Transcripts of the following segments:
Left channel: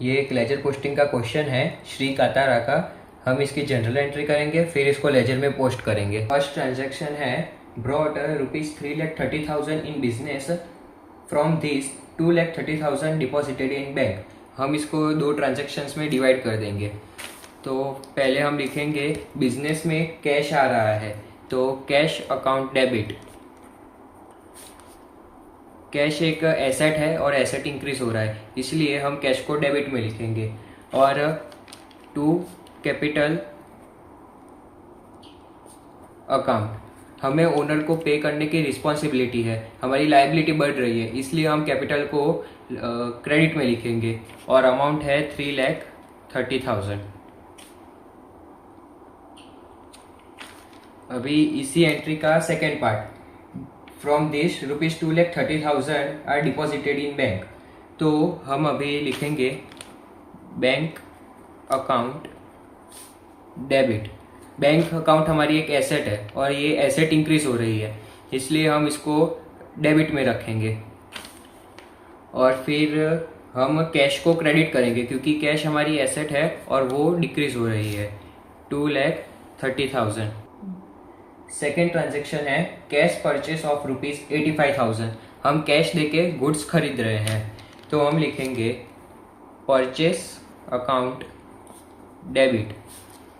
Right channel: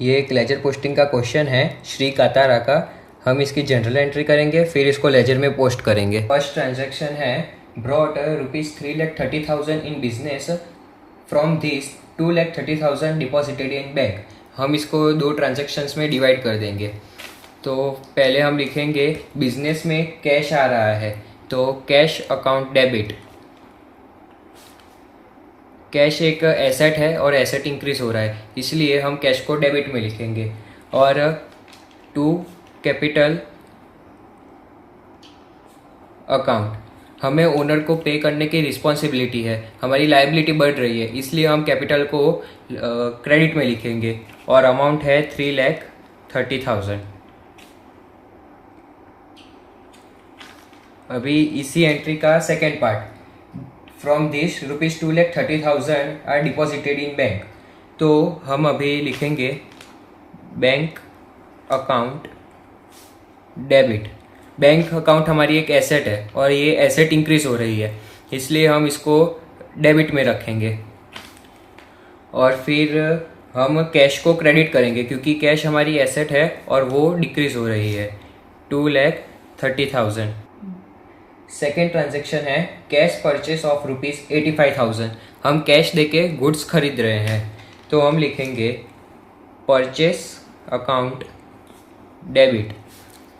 ये एक ledger posting का क्वेश्चन है श्री कातारा का। हम इसकी जनरल एंट्री करेंगे, फिर इसको लेजर में पोस्ट करेंगे। फर्स्ट ट्रांजैक्शन है brought ₹3,30,000 in business, from this 2,30,000 deposited in bank. हम इसको दो ट्रांजैक्शंस में डिवाइड कर देंगे। तो पहले हम लिखेंगे बिजनेस में कैश आ रहा है, तो कैश अकाउंट डेबिट। कैश एक एसेट है और एसेट इंक्रीज हो रहा है, इसलिए हम कैश को डेबिट में लिखेंगे। और टू कैपिटल अकाउंट, हमें ओनर को पे करने की रिस्पॉन्सिबिलिटी है, हमारी लायबिलिटी बढ़ रही है, इसलिए हम कैपिटल को क्रेडिट में लिखेंगे और अमाउंट है 3,30,000। अभी इसी एंट्री का second part, from this ₹2,30,000 are deposited in bank. तो हम अभी लिखेंगे bank account debit. Bank account हमारी एक एसेट है और ये एसेट इंक्रीज हो रही है, इसलिए हम इसको डेबिट में रखेंगे। और फिर हम कैश को क्रेडिट करेंगे क्योंकि कैश हमारी एसेट है और वो डिक्रीज हो रही है, 2,30,000। सेकेंड ट्रांजेक्शन है कैश परचेस ऑफ ₹85,000। हम कैश देके गुड्स खरीद रहे हैं, तो हम लिखेंगे purchase account debit.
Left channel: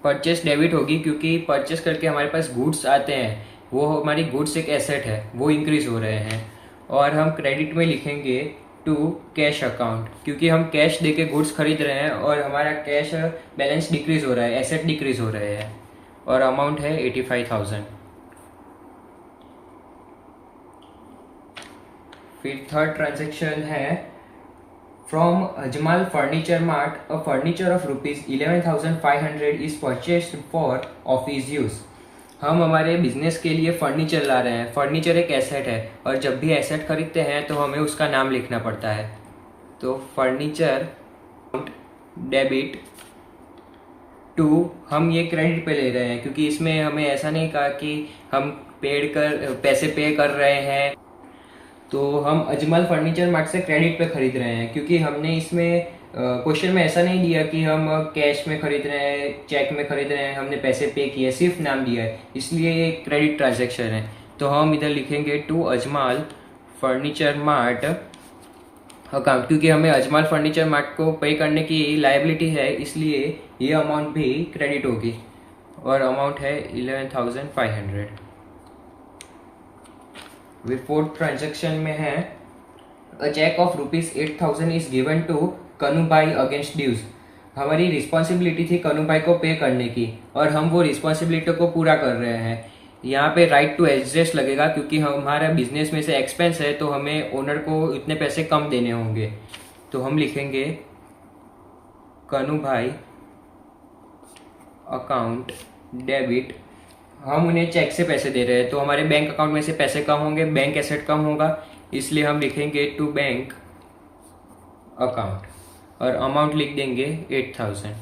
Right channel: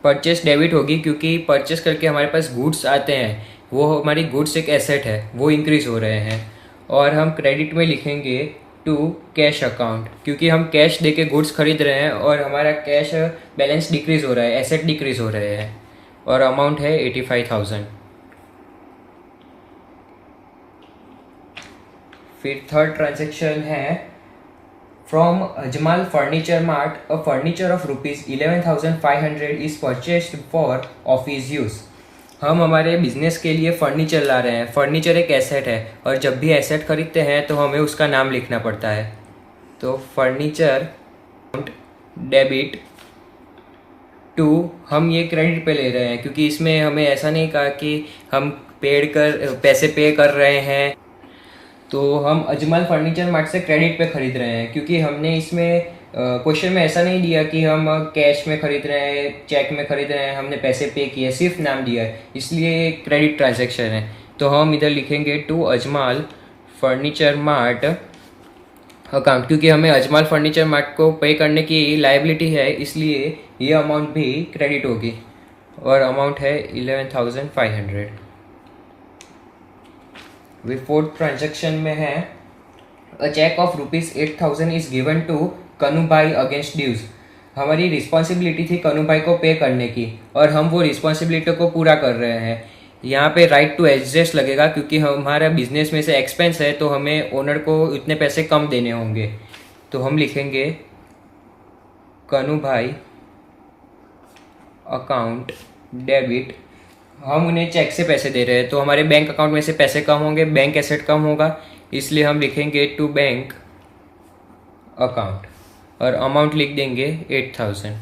Purchase debit होगी क्योंकि परचेस करके हमारे पास गुड्स आते हैं, वो हमारी गुड्स एक एसेट है, वो इंक्रीज हो रहे हैं। और हम क्रेडिट में लिखेंगे टू कैश अकाउंट, क्योंकि हम कैश देके गुड्स खरीद रहे हैं और हमारा कैश बैलेंस डिक्रीज हो रहा है, एसेट डिक्रीज हो रहे हैं, और अमाउंट है 85,000। फिर थर्ड ट्रांजेक्शन है from Ajmal furniture mart, a furniture of ₹11,500 is purchased for office use. हम हमारे बिजनेस के लिए फर्नीचर ला रहे हैं। फर्नीचर एक एसेट है और जब भी एसेट खरीदते हैं तो हमें उसका नाम लिखना पड़ता है। तो फर्नीचर डेबिट टू, हम ये क्रेडिट पे ले रहे हैं क्योंकि इसमें हमें ऐसा नहीं कहा कि हम पैसे पे कर रहे हैं। तो हम अजमल फर्नीचर मार्ट से क्रेडिट पे खरीद रहे हैं क्योंकि हमने इसमें क्वेश्चन में ऐसा नहीं दिया कि हम कैश में खरीद रहे हैं, चेक में खरीद रहे हैं, हमने पैसे पे किए, सिर्फ नाम दिया है, इसलिए ये क्रेडिट ट्रांजैक्शन है। तो हम इधर लिखेंगे to Ajmal furniture mart account, क्योंकि हमें अजमाल फर्नीचर मार्ट को पे करने की लायबिलिटी है, इसलिए ये अमाउंट भी क्रेडिट होगी और अमाउंट है 11,500। वे फोर्थ ट्रांजेक्शन में है a cheque of ₹8,000 is given to Kanu bhai against dues. हमारी रिस्पॉन्सिबिलिटी थी कनु भाई को पे करने की और हम वो रिस्पॉन्सिबिलिटी को पूरा कर रहे हैं। यहाँ पे राइट टू एडजस्ट लगेगा क्योंकि हमारा बिजनेस में से एक्सपेंस है, तो हमें ओनर को इतने पैसे कम देने होंगे। तो हम लिखेंगे कनु भाई अकाउंट डेबिट। हम उन्हें चेक से पैसे दे रहे हैं तो हमारे बैंक अकाउंट में से पैसे कम होंगे, बैंक एसेट कम होगा, इसलिए हम लिखेंगे टू बैंक अकाउंट और अमाउंट लिख देंगे 8,000।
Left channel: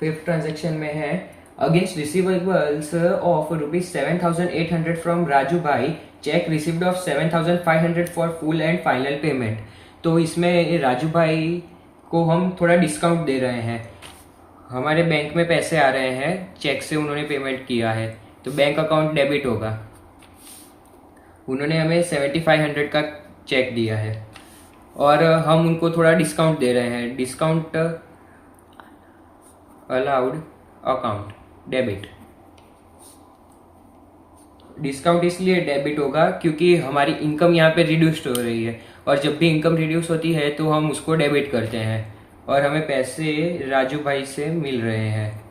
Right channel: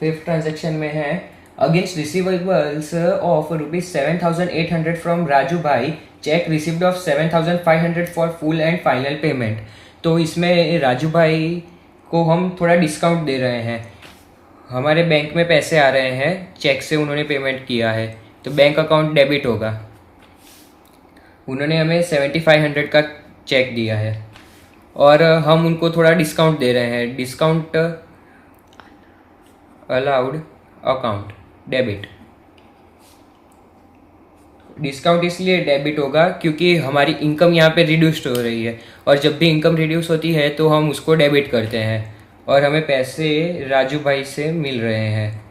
फिफ्थ ट्रांजेक्शन में है against receivables of ₹7,800 from Raju bhai, cheque received of 7,500 for full and final payment. तो इसमें राजू भाई को हम थोड़ा डिस्काउंट दे रहे हैं। हमारे बैंक में पैसे आ रहे हैं, चेक से उन्होंने पेमेंट किया है, तो बैंक अकाउंट डेबिट होगा। उन्होंने हमें 7,500 का चेक दिया है और हम उनको थोड़ा डिस्काउंट दे रहे हैं, discount allowed account debit. Discount इसलिए डेबिट होगा क्योंकि हमारी इनकम यहाँ पे रिड्यूस्ड हो रही है और जब भी इनकम रिड्यूस होती है तो हम उसको डेबिट करते हैं और हमें पैसे राजू भाई से मिल रहे हैं।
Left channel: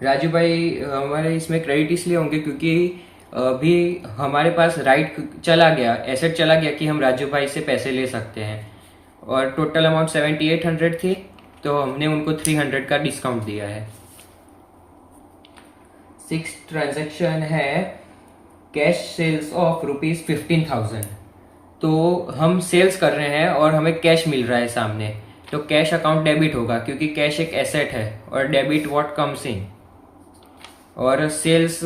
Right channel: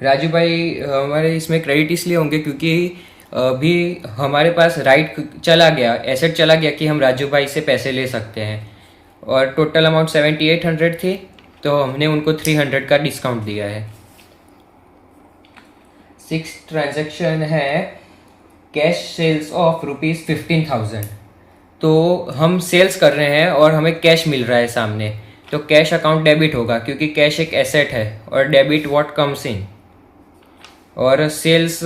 राजू भाई हमारे इसमें क्रेडिट इसलिए होंगे क्योंकि अभी हमारे पास राइट चला गया, एसेट चला गया कि हम राजू भाई से पैसे ले सकते हैं और टोटल अमाउंट 7,800 थी, तो हमने उनको 300 का डिस्काउंट दिया है। सिक्स ट्रांजैक्शन है कैश सेल्स ऑफ ₹15,000। तो हम सेल्स कर रहे हैं और हमें कैश मिल रहा है सामने, तो कैश अकाउंट डेबिट होगा क्योंकि कैश एक एसेट है और डेबिट व्हाट कम्स इन। और सेल्स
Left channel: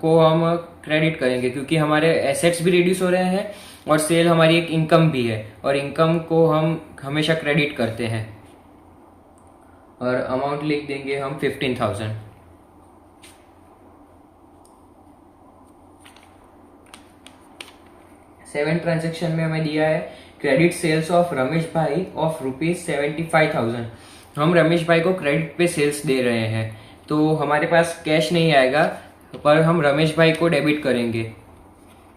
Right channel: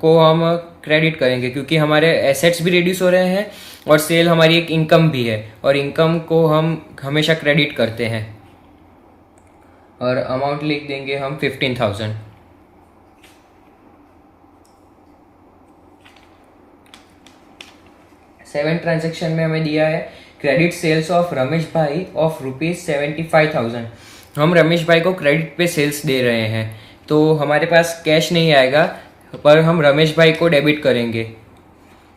को हम क्रेडिट करेंगे, क्योंकि हमारे एसेट्स भी रिड्यूस हो रहे हैं और सेल हमारी एक इनकम भी है, और इनकम को हम हमेशा क्रेडिट करते हैं। और अमाउंट लिख देंगे हम 15,000। 7 ट्रांजेक्शन में हमें दिया है क्रेडिट सेल्स ऑफ रमेश भाई ऑफ ₹75,000। हम रमेश भाई को क्रेडिट पे सेल्स दे रहे हैं, तो हमारे पास कैश नहीं आएगा, पर हम रमेश भाई को डेबिट करेंगे,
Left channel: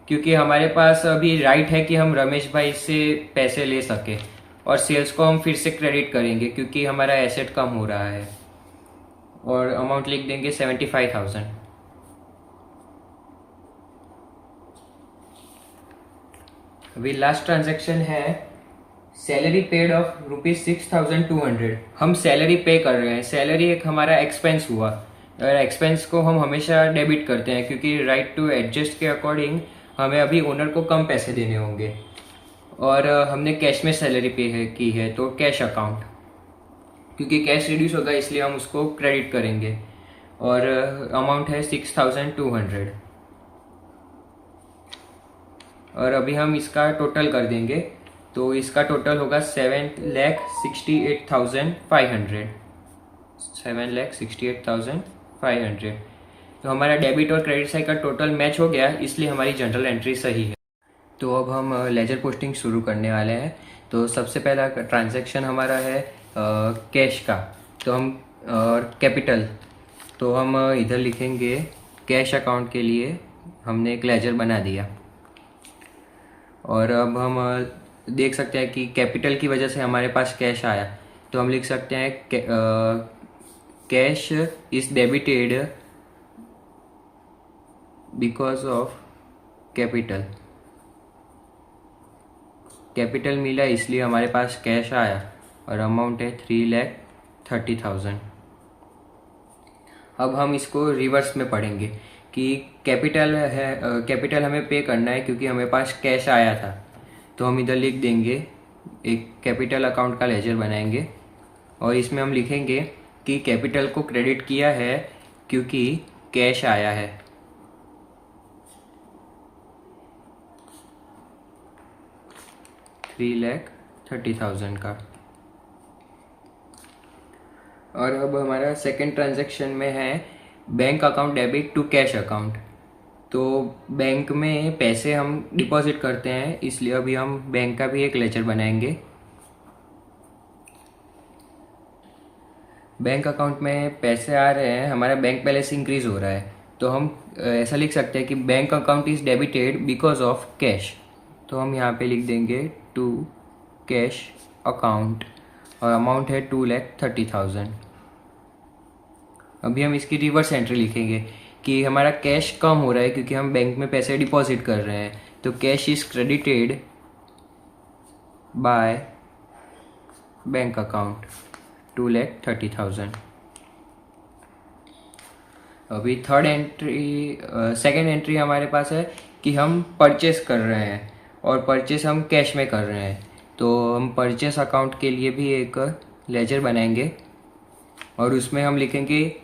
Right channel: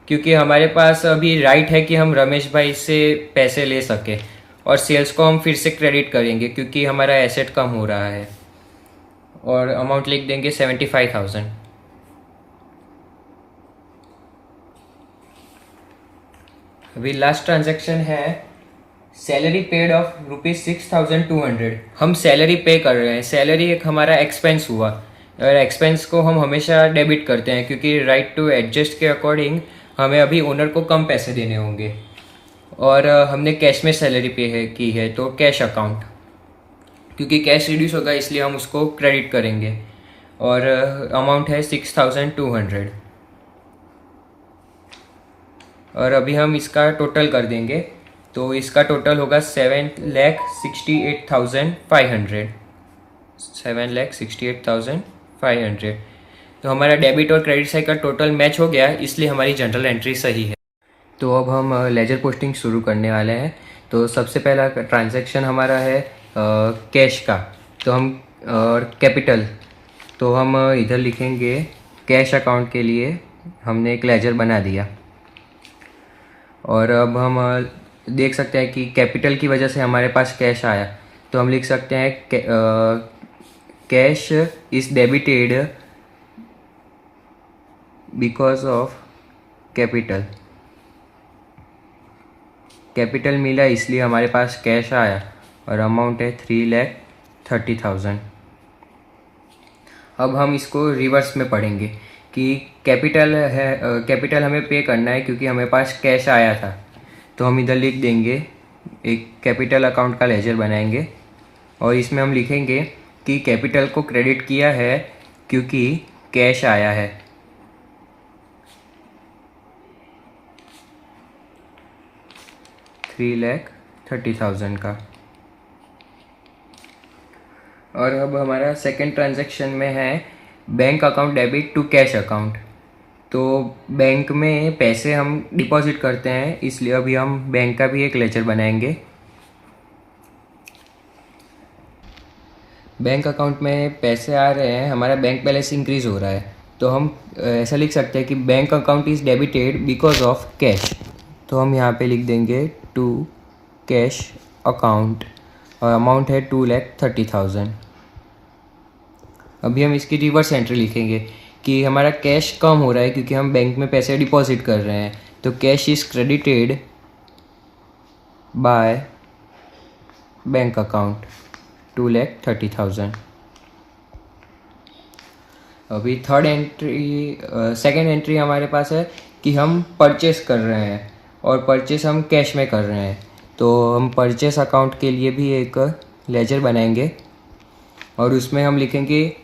क्योंकि हमारे पास अभी राइट है कि हम रमेश भाई से पैसे ले सके। और सेल्स को हम फिर से क्रेडिट करेंगे क्योंकि हमारा एसेट कम हो रहा है, और अमाउंट लिख देंगे 75,000। अभी लास्ट ट्रांजैक्शन है सैलरी पेड ऑफ ₹6,200। हम सैलरी पे कर रहे हैं, सैलरी एक हमारा एक्सपेंस हुआ, और एक्सपेंस को हम हमेशा डेबिट करते हैं, क्योंकि राइट टू एडजस्ट के अकॉर्डिंग हमें अभी ओनर को कम पैसे देने होंगे। और हमने कैश में सैलरी पे की है, तो कैश अकाउंट, क्योंकि कैश रिड्यूस होगा इसलिए हम उसको क्रेडिट करेंगे। और अमाउंट है 6,200। और अभी हम इसका टोटल कर देंगे, तो इसका टोटल होगा 7,68,500। 7,68,500। तो हमारा डेबिट और क्रेडिट साइड का टोटल मैच हो गया, इसलिए हमारी जनरल एंट्री सही है। तो अब हम लेजर पोस्टिंग शुरू करने वाले हैं। तो सबसे पहला ट्रांजैक्शन हमारा है कैश का, तो हम कैपिटल, तो हम इधर लिखेंगे कैश अकाउंट के लिए हमने एक लेजर बना दिया। और अब हम देख सकते हैं कि कैपिटल की वजह से हमारे पास कैश आया, तो हम लिख सकते हैं cash is debited because of capital. Capital मिला इसलिए हमारे पास कैश आया, और अमाउंट है 3,30,000। अब हम इसको रिवर्स में पढ़ेंगे कि कैपिटल है, कैपिटल हमें पे करना है क्योंकि हमें पास कैश आया था, तो हम इधर लिख देंगे, एक कैपिटल अकाउंट का लेजर बनाएंगे, और इसमें हम लिखेंगे कि कैपिटल को क्रेडिट किया है क्योंकि कैश आया है। $3,30,000 का। और अब हमारा सेकंड ट्रांजैक्शन में है bank account debit to cash account. तो बैंक में पैसे हम डिपॉजिट करते हैं, इसलिए अभी हम बैंक का भी एक लेजर बनाएंगे। बैंक अकाउंट में पैसे आ रहे हैं, हमारा बैंक बैलेंस इंक्रीज हो रहा है, तो हम ऐसा लिख सकते हैं कि bank account is debited because of cash. तो हम यहाँ पे लिख देंगे टू कैश अकाउंट, और अमाउंट है 2,30,000। अभी हम इसकी रिवर्स एंट्री लिखेंगे कि हमारा कैश कम हो रहा है क्योंकि हम बैंक में पैसे डिपॉजिट कर रहे हैं, तो cash is credited by bank account 2,30,000। अभी सेकेंड एंट्री हमारे पास है कि हम परचेस कर रहे हैं, और परचेस हम कैश में कर रहे हैं, तो हम परचेस अकाउंट के लिए भी एक लेजर बनाएंगे, और उसमें हम लिखेंगे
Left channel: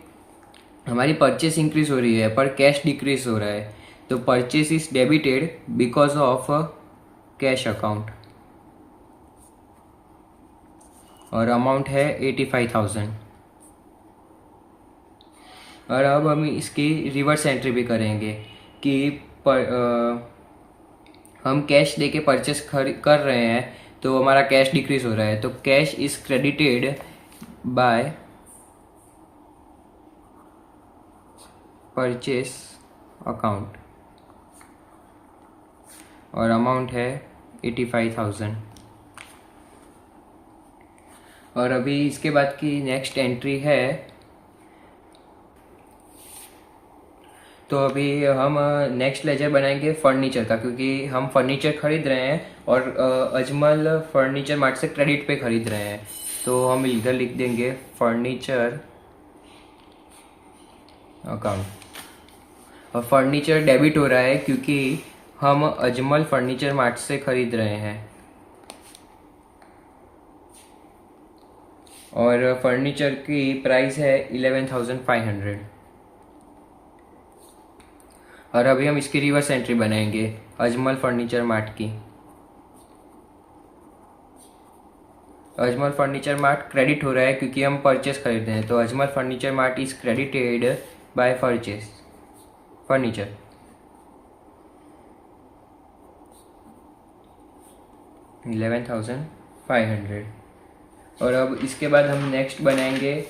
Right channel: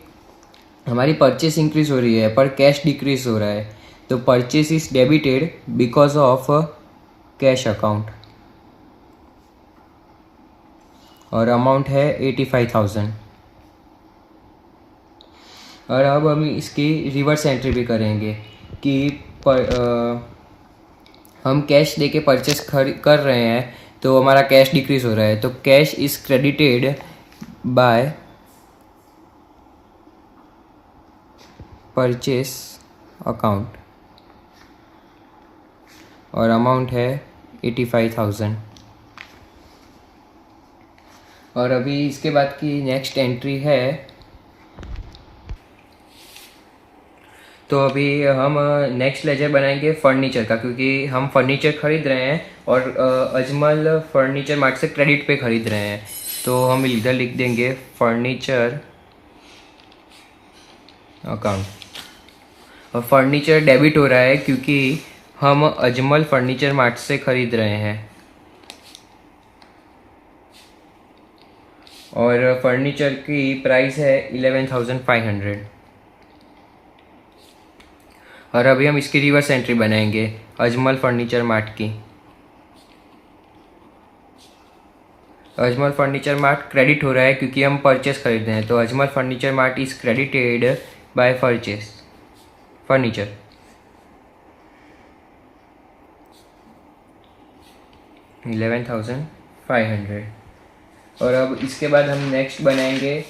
हमारी परचेस इंक्रीज हो रही है पर कैश डिक्रीज हो रहा है, तो purchase is debited because of cash account, और अमाउंट है 85,000। और अब हम इसकी रिवर्स एंट्री भी करेंगे कि हम कैश देके परचेस कर रहे हैं, तो हमारा कैश डिक्रीज हो रहा है, तो cash is credited bye purchase account, और अमाउंट है 85,000। और अभी इसके बाद की नेक्स्ट एंट्री है, तो अभी हम नेक्स्ट लेजर बनाएंगे फर्नीचर का, क्योंकि हम फर्नीचर खरीद रहे हैं और अजमल फर्नीचर मार्ट से क्रेडिट पे खरीद रहे हैं, तो हम इधर लिख देंगे फर्नीचर अकाउंट। और फर्नीचर डेबिट हो रहा है क्योंकि हम अजमल फर्नीचर मार्ट से खरीद रहे हैं, और फर्नीचर की प्राइस है 11,500। और अभी हम इसकी रिवर्स एंट्री बनाएंगे अजमल फर्नीचर मार्ट की। अजमल फर्नीचर मार्ट क्रेडिट हो रहा है क्योंकि हम परचेस खरीद रहे हैं, तो Ajmal furniture mart is credited bye purchase furniture. $11,500। और अब इसके बाद हम नेक्स्ट बनाएंगे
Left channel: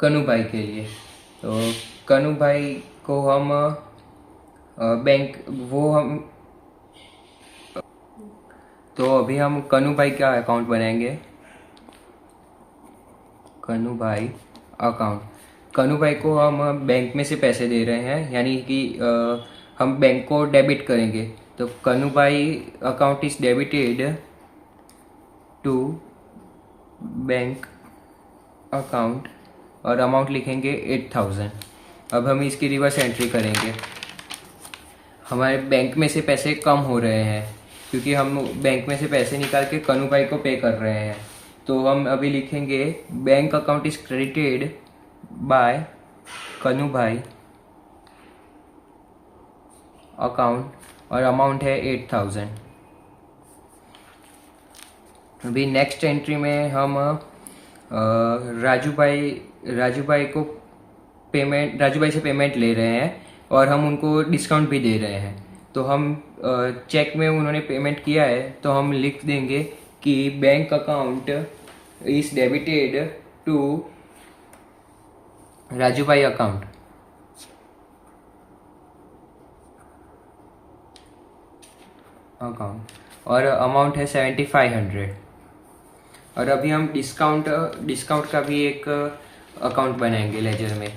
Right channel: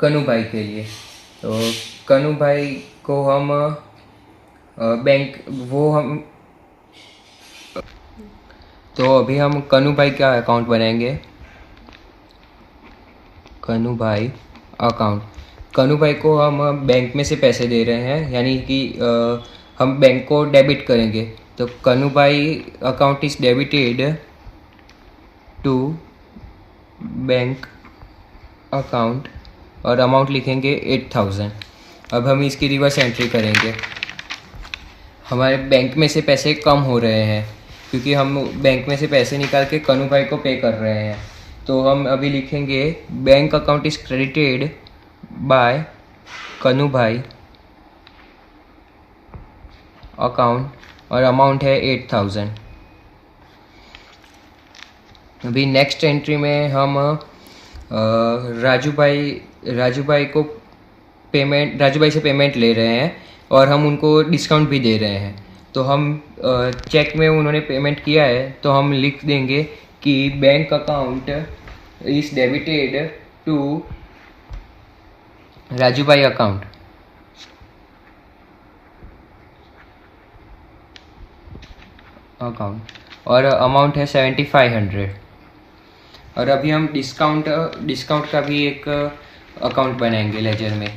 कनू भाई के लिए। तो कनू भाई को हम बैंक वो हम तो अभी हम कनू भाई का अकाउंट बनाएंगे। कनू भाई अकाउंट, कनू भाई को हम बैंक में से पैसे दे रहे हैं, यानी कि हम बैंक को डेबिट करेंगे। तो Kanu bhai account is debited to bank account और अमाउंट लिखेंगे 8,000। अब हम इसकी रिवर्स एंट्री करेंगे। हमारे बैंक में से पैसे कम हो रहे हैं क्योंकि हम बैंक में से पैसे निकाल के कनू भाई को पे कर रहे हैं। तो हम अभी लिखेंगे bank account is credited bye कनू भाई अकाउंट और अमाउंट है 8,000। अभी नेक्स्ट एंट्री में हम राजू भाई से पेमेंट ले रहे हैं और हम उनको डिस्काउंट भी दे रहे हैं। तो हम चेक में उन्होंने पेमेंट किया है तो हम लिख देंगे कि bank account is debited to Raju bhai account और अमाउंट है 7,500। और अभी हम डिस्काउंट का भी एक अकाउंट बनाएंगे लेजर में।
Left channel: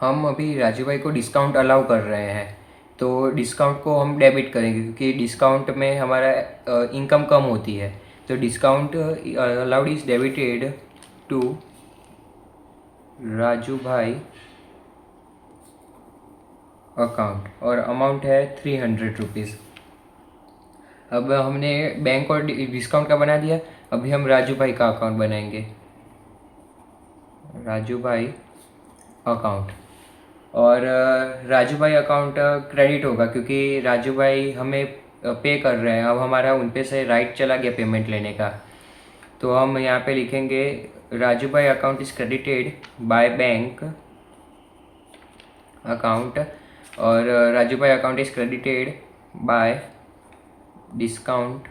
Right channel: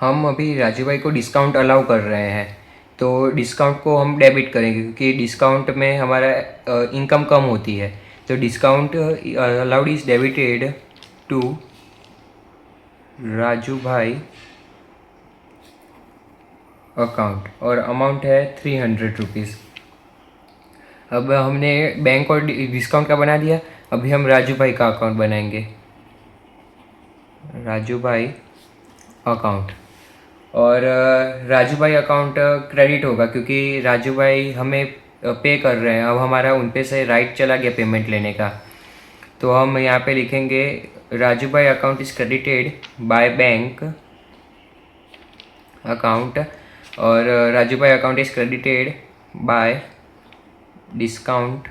हम अभी राजू भाई को डिस्काउंट अलाउ कर रहे हैं, तो डिस्काउंट को हम डेबिट करेंगे क्योंकि डिस्काउंट में हमारा इनकम कम होती है। तो discount allowed is debited to Raju bhai account और अमाउंट है 300 रुपीज़। अब हमने बैंक और डिस्काउंट का बना दिया, अभी हम राजू भाई का अकाउंट बनाएंगे। राजू भाई अकाउंट और राजू भाई अकाउंट क्रेडिट होगा क्योंकि राजू भाई हमें पे कर रहे हैं। अब हमारा उन पे से राइट चला गया पेमेंट लेने का, तो हम यहाँ पे लिखेंगे Raju bhai account is credited by bank account और Raju bhai account is credited bye discount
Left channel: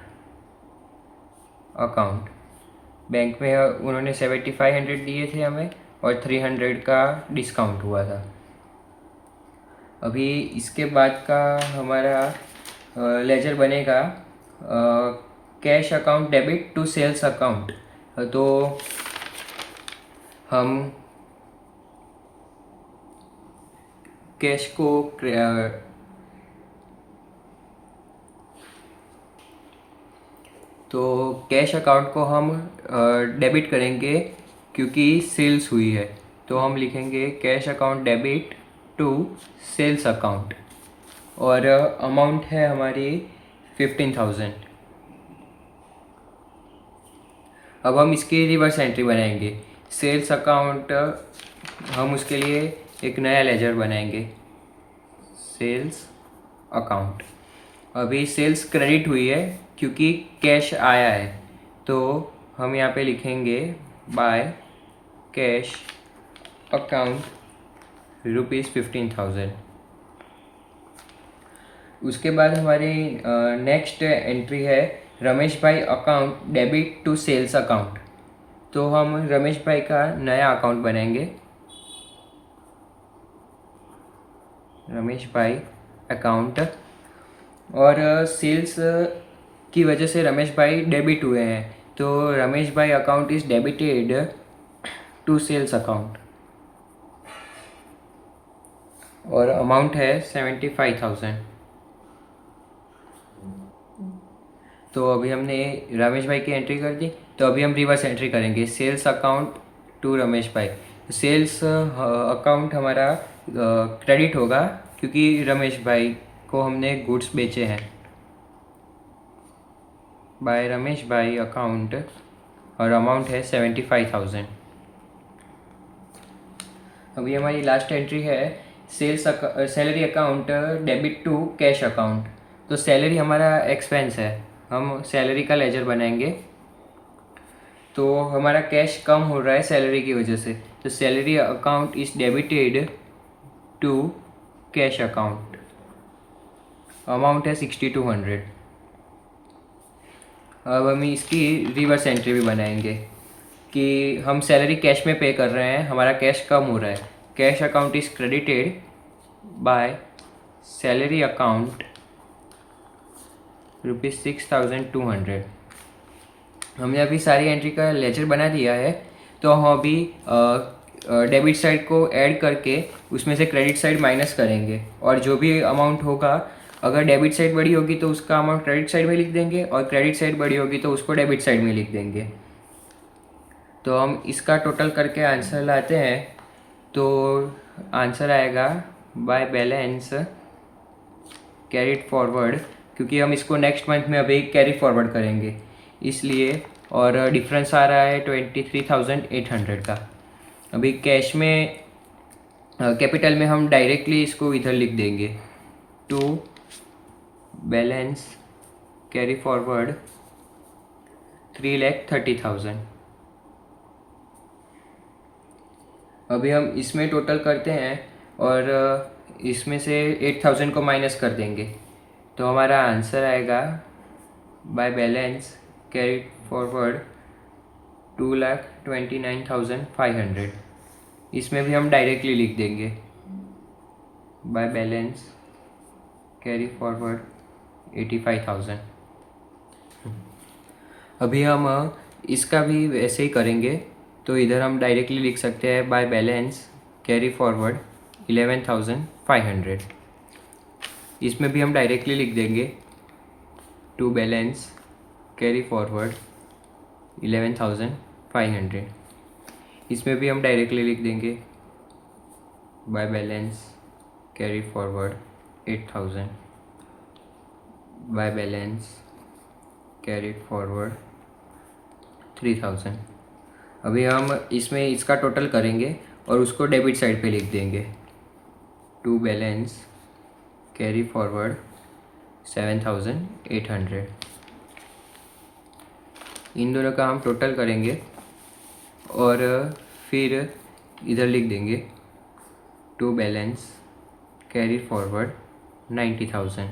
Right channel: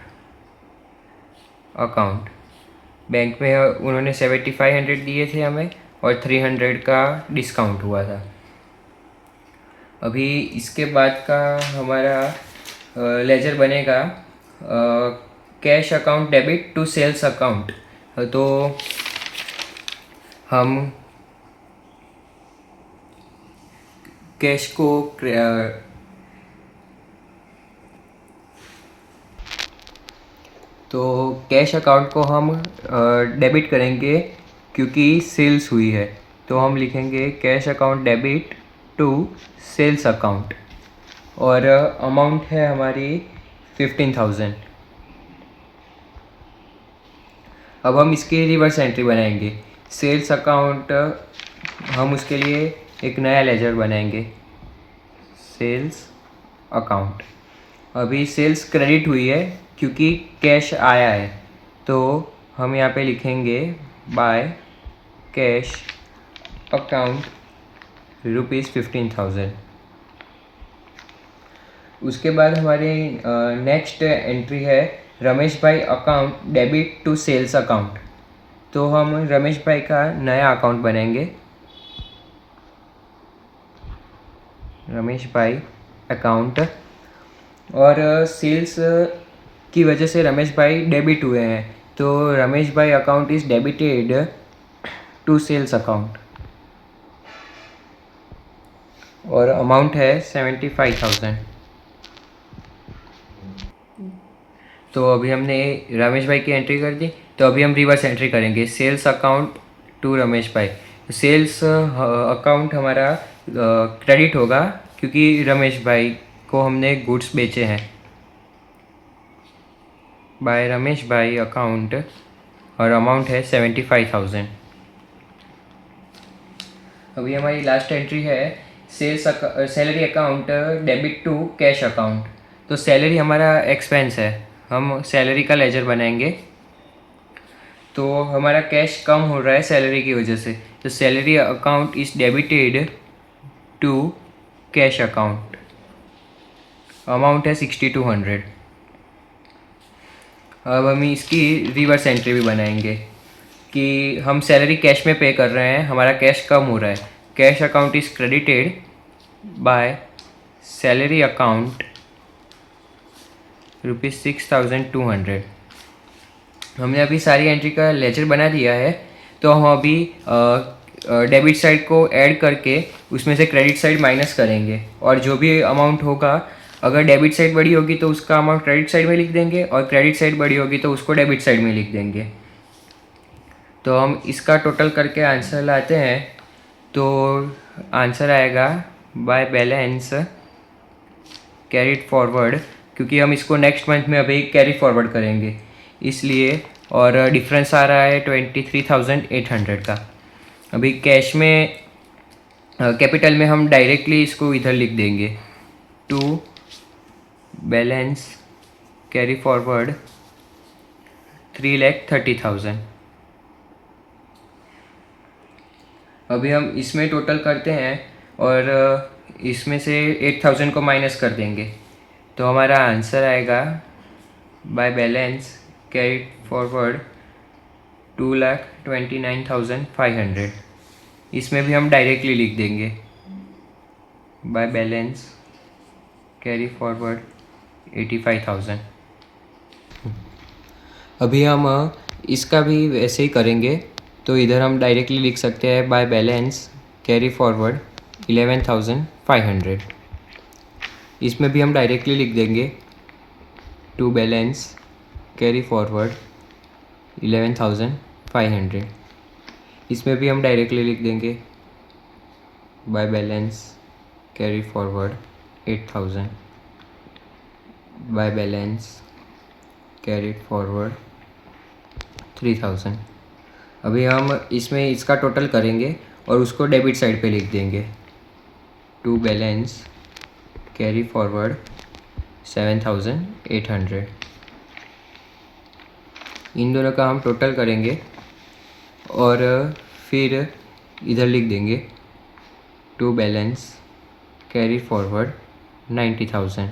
account. Bank में उन्होंने 7,500 दिए थे हमें और 300 का डिस्काउंट हुआ था। अभी इसके बाद का हमारा लेजर बनेगा cash account debit to sales account. तो हम कैश को तो कैश अकाउंट को हम डेबिट करेंगे क्योंकि सेल्स हुई है। तो हम लिखेंगे cash account debit to sales account और अमाउंट है हमारी 15,000। अब हम इसकी रिवर्स एंट्री बनाएंगे। सेल्स अकाउंट, हम उसके लिए एक नया लेजर बनाएंगे सेल्स अकाउंट। अभी सेल्स क्रेडिट हुई है क्योंकि कैश आया है, तो हम यहाँ पे लिखेंगे बाय कैश अकाउंट ₹15,000। उसके बाद हमारी नेक्स्ट एंट्री है Ramesh bhai account debit to sales account. तो हम रमेश भाई का नया अकाउंट बनाएंगे रमेश भाई अकाउंट और सेल्स की वजह से रमेश भाई डेबिट हुए हैं, तो Ramesh bhai account is debited to sales account और अमाउंट है 75,000। तो अभी हमने रमेश भाई की एंट्री कर दी, तो अभी हम रिवर्स एंट्री करेंगे sales account to Ramesh bhai. Sales account हमारा क्रेडिट होगा क्योंकि रमेश भाई को हमने गुड्स बेचे हैं। बाय रमेश भाई अकाउंट और अमाउंट है 75,000। अभी हमारी लास्ट एंट्री है salary account debit to cash account. तो सैलरी हमारा एक्सपेंस है, हम सैलरी का लेजर बनाएंगे। तो हमारा कैश कम हो रहा है सैलरी की वजह से, तो salary account is debited to cash account. Amount है 6200। अब हम इसकी रिवर्स एंट्री भी बनाएंगे कि हम सैलरी कैश में पे कर रहे हैं, हमारा कैश कम हो रहा है। Cash account is credited by salary account ₹6200। हमने अभी सारी एंट्री का लेजर बना दिया है, तो हम अभी डेबिट साइड को ऐड करके उसमें से क्रेडिट साइड माइनस करेंगे, और जो भी अमाउंट होगा, अगर डेबिट साइड बड़ी होगी तो उसका अमाउंट क्रेडिट साइड में लिख देंगे, और क्रेडिट साइड बड़ी होगी तो उसको डेबिट साइड में लिख देंगे। तो हम इसका टोटल करके आंसर लाते हैं, तो आंसर आएगा बाय बैलेंस कैरीड फॉरवर्ड, क्योंकि हम इसको नेक्स्ट मंथ में अभी कैरी फॉरवर्ड करेंगे इसलिए, और डिफरेंस आ रहा है 23,800 का। अभी कैश में कैपिटल में हम डायरेक्टली इसको इधर लिख देंगे, टू बैलेंस कैरी फॉरवर्ड 3,30,000। अभी हम इसमें टोटल करते हैं और इसमें से 8,000 को माइनस कर देंगे, तो हमारा आंसर आएगा बाय बैलेंस कैरी फॉरवर्ड 2,29,500। इसमें भी हम डायरेक्टली लिख देंगे बाय बैलेंस कैरी फॉरवर्ड 85,000। अभी हम इसका भी वैसे ही करेंगे, तो इधर हम डायरेक्टली लिख सकते हैं बाय बैलेंस कैरी फॉरवर्ड 11,500। इसमें भी हम डायरेक्टली लिख देंगे टू बैलेंस कैरी फॉरवर्ड 11,500। इसमें भी हम डायरेक्टली लिख देंगे by balance carry forward 8,000 by balance carry forward 3,000। अभी हम इसमें इसका टोटल करेंगे और उसको डेबिट साइड पे लिख देंगे, टू बैलेंस कैरी फॉरवर्ड 7,800। इन दोनों का हम टोटल करेंगे और फिर इधर लिख देंगे टू बैलेंस कैरी फॉरवर्ड 90,000।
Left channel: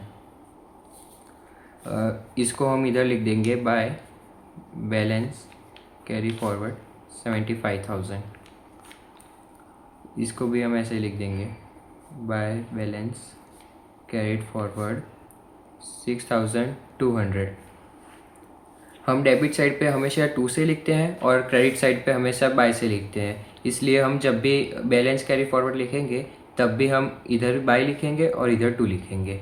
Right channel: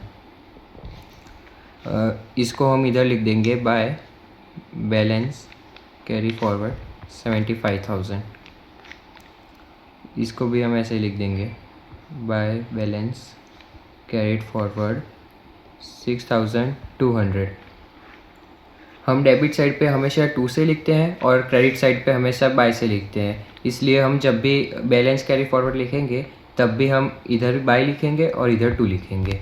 इसको हम इधर लिख देंगे बाय बैलेंस कैरी फॉरवर्ड 75,000। इसको भी हम ऐसे लिख देंगे बाय बैलेंस कैरीड फॉरवर्ड 6,200। हम डेबिट साइड पे हमेशा 2 से लिखते हैं और क्रेडिट साइड पे हमेशा बाय से लिखते हैं, इसलिए हम जब भी बैलेंस कैरी फॉरवर्ड लिखेंगे तब भी हम इधर बाय लिखेंगे और इधर 2 लिखेंगे।